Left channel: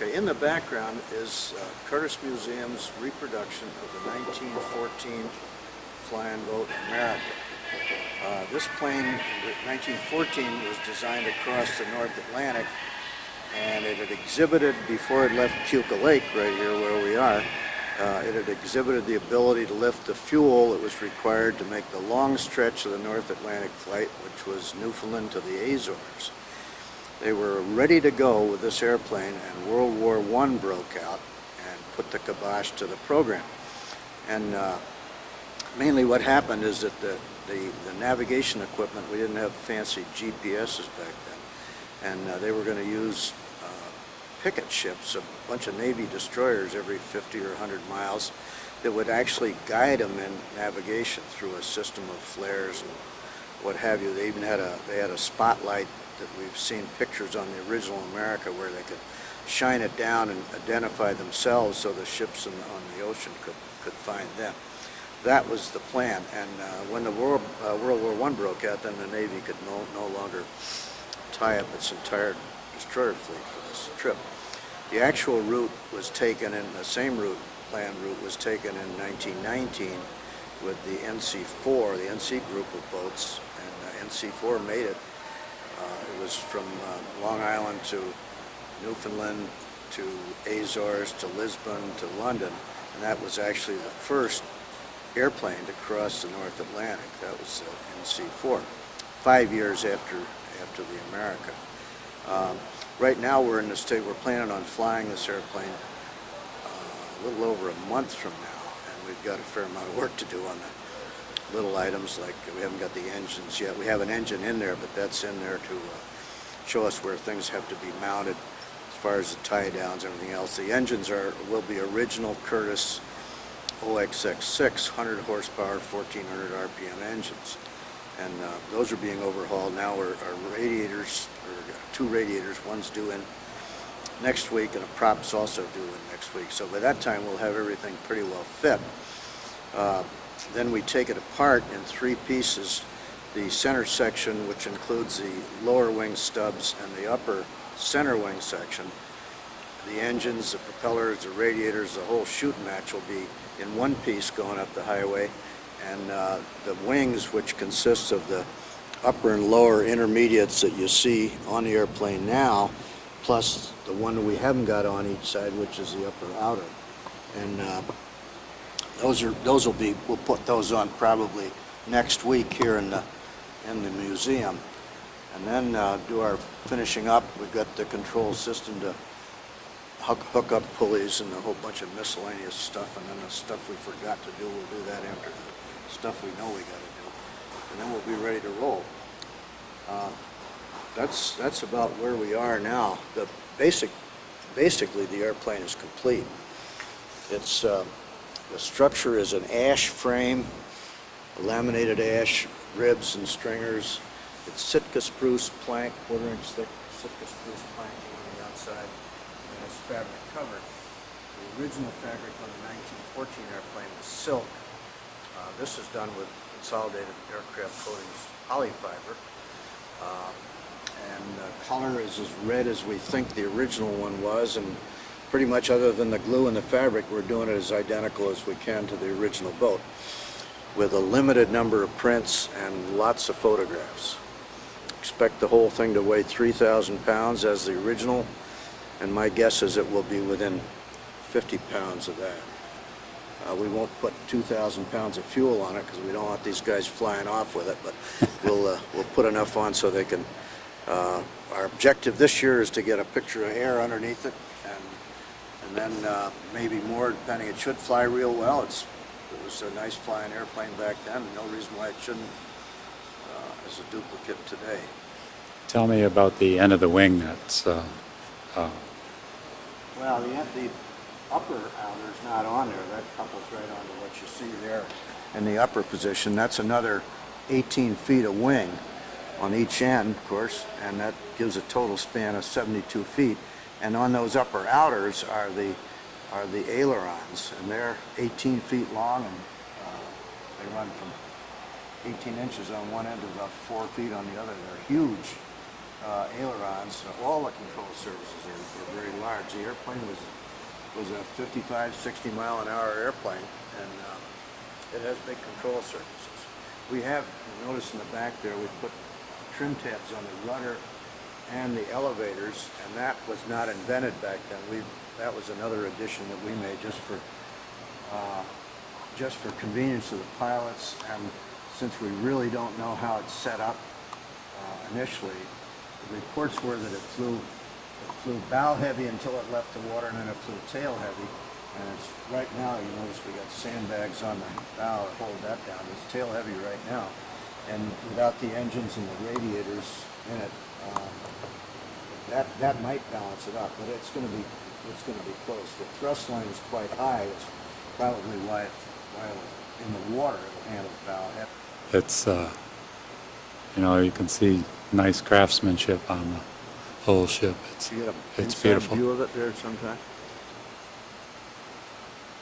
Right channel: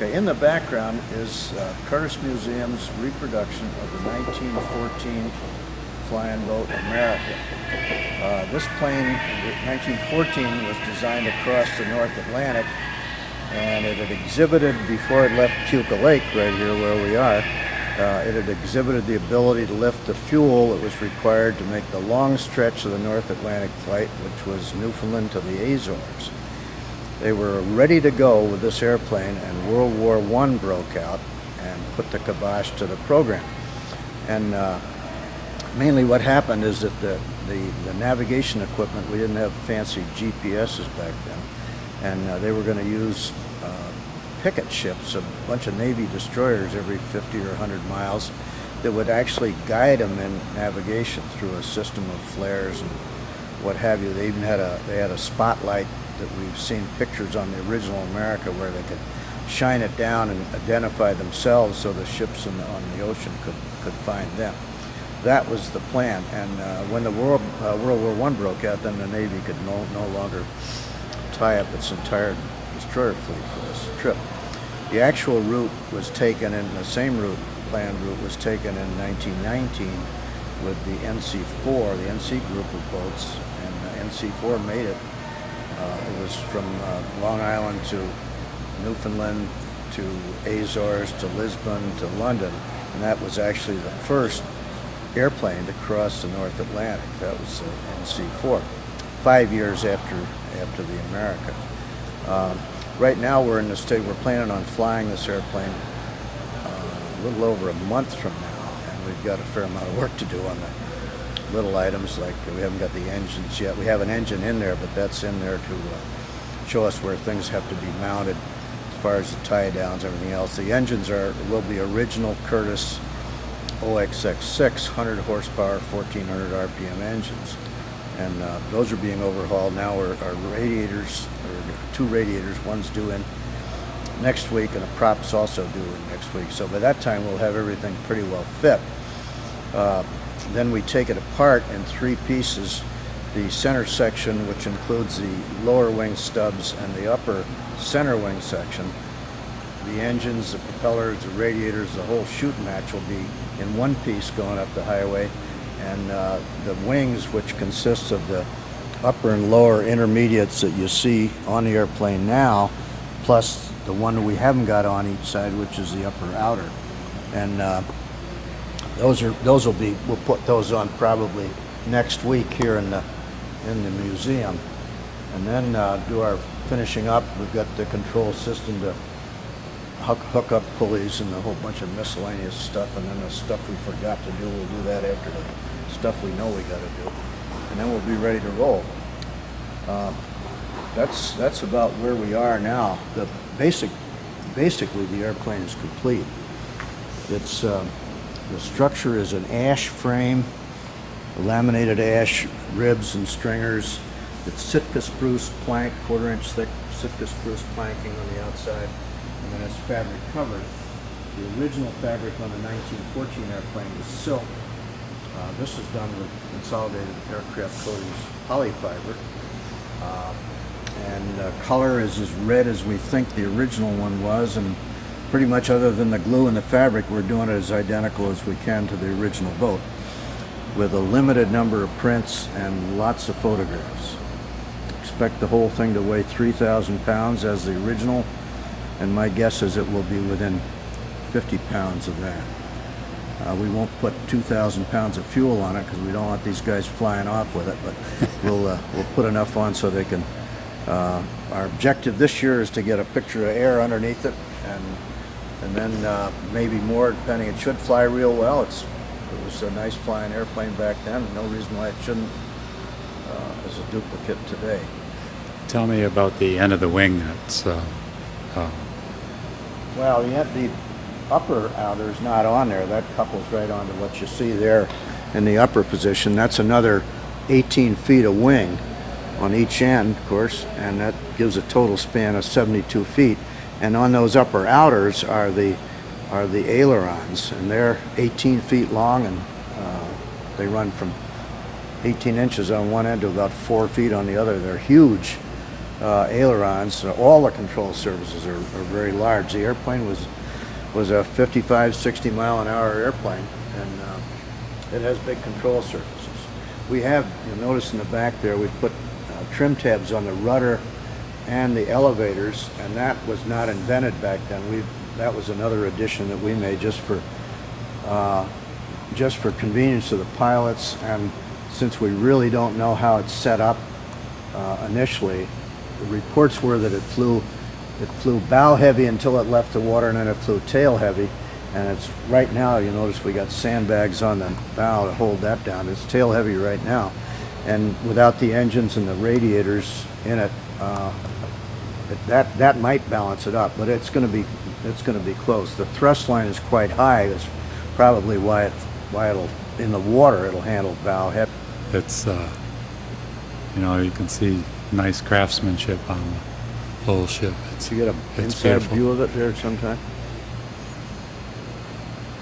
Okay, in the background is Curtis Museum's reproduction of the 1914 flying boat America. This plane in 1914 was designed to cross the North Atlantic, and it had exhibited, before it left Puka Lake right here where we are, it had exhibited the ability to lift the fuel that was required to make the long stretch of the North Atlantic flight, which was Newfoundland to the Azores. They were ready to go with this airplane, and World War I broke out and put the kibosh to the program. And mainly what happened is that the navigation equipment, we didn't have fancy GPSs back then, and they were going to use picket ships, a bunch of Navy destroyers every 50 or 100 miles that would actually guide them in navigation through a system of flares and what have you. They even had a spotlight that we've seen pictures on the original America where they could shine it down and identify themselves so the ships on the ocean could find them. That was the plan, and when the World War I broke out, then the Navy could no longer tie up its entire destroyer fleet for this trip. The actual route was taken, in the same planned route was taken in 1919 with the NC-4, the NC group of boats, and NC-4 made it. It was from Long Island to Newfoundland to Azores to Lisbon to London, and that was actually the first airplane to cross the North Atlantic. That was NC-4, 5 years after the America. Right now we're in the state, we're planning on flying this airplane a little over a month from now, and we've got a fair amount of work to do on the little items, like we haven't got the engines yet. We have an engine in there, but that's in there to show us where things have to be mounted as far as the tie downs, everything else. The engines will be original Curtis OXX6 100 horsepower 1400 RPM engines, and those are being overhauled now. Our radiators, or two radiators, one's due in next week and a prop's also due in next week, so by that time we'll have everything pretty well fit. Then we take it apart in three pieces: the center section, which includes the lower wing stubs, and the upper center wing section. The engines, the propellers, the radiators, the whole shoot match will be in one piece going up the highway, and the wings, which consists of the upper and lower intermediates that you see on the airplane now, plus the one we haven't got on each side, which is the upper outer. And we'll put those on probably next week here in the museum, and then do our finishing up. We've got the control system to hook up pulleys and a whole bunch of miscellaneous stuff, and then the stuff we forgot to do, we'll do that after the stuff we know we got to do, and then we'll be ready to roll. That's about where we are now. Basically the airplane is complete. It's the structure is an ash frame, laminated ash ribs and stringers. It's Sitka spruce plank, 1/4 inch thick Sitka spruce planking on the outside, and then it's fabric covered. The original fabric on the 1914 airplane is silk. This is done with Consolidated Aircraft Coatings polyfiber. And color is as red as we think the original one was, and pretty much other than the glue and the fabric, we're doing it as identical as we can to the original boat, with a limited number of prints and lots of photographs. Expect the whole thing to weigh 3,000 pounds as the original, and my guess is it will be within 50 pounds of that. We won't put 2,000 pounds of fuel on it because we don't want these guys flying off with it, but we'll put enough on so they can. Our objective this year is to get a picture of air underneath it, and then maybe more, depending. It should fly real well. It was a nice flying airplane back then. No reason why it shouldn't as a duplicate today. Tell me about the end of the wing. Well, the upper outer is not on there. That couples right onto what you see there in the upper position. That's another 18 feet of wing on each end, of course, and that gives a total span of 72 feet. And on those upper outers are the ailerons, and they're 18 feet long, and they run from 18 inches on one end to about 4 feet on the other. They're huge ailerons. All the control surfaces are very large. The airplane was a 55, 60 mile an hour airplane, and it has big control surfaces. We have, you'll notice in the back there, we put trim tabs on the rudder and the elevators, and that was not invented back then. That was another addition that we made just for convenience of the pilots, and since we really don't know how it's set up initially, the reports were that it flew bow heavy until it left the water, and then it flew tail heavy. And it's right now, you notice we got sandbags on the bow to hold that down. It's tail heavy right now, and without the engines and the radiators in it, that might balance it up, but it's going to be close. The thrust line is quite high. That's probably why it'll in the water it'll handle bow heavy. It's you can see nice craftsmanship on the whole ship. You get an It's inside beautiful. view of it there sometime.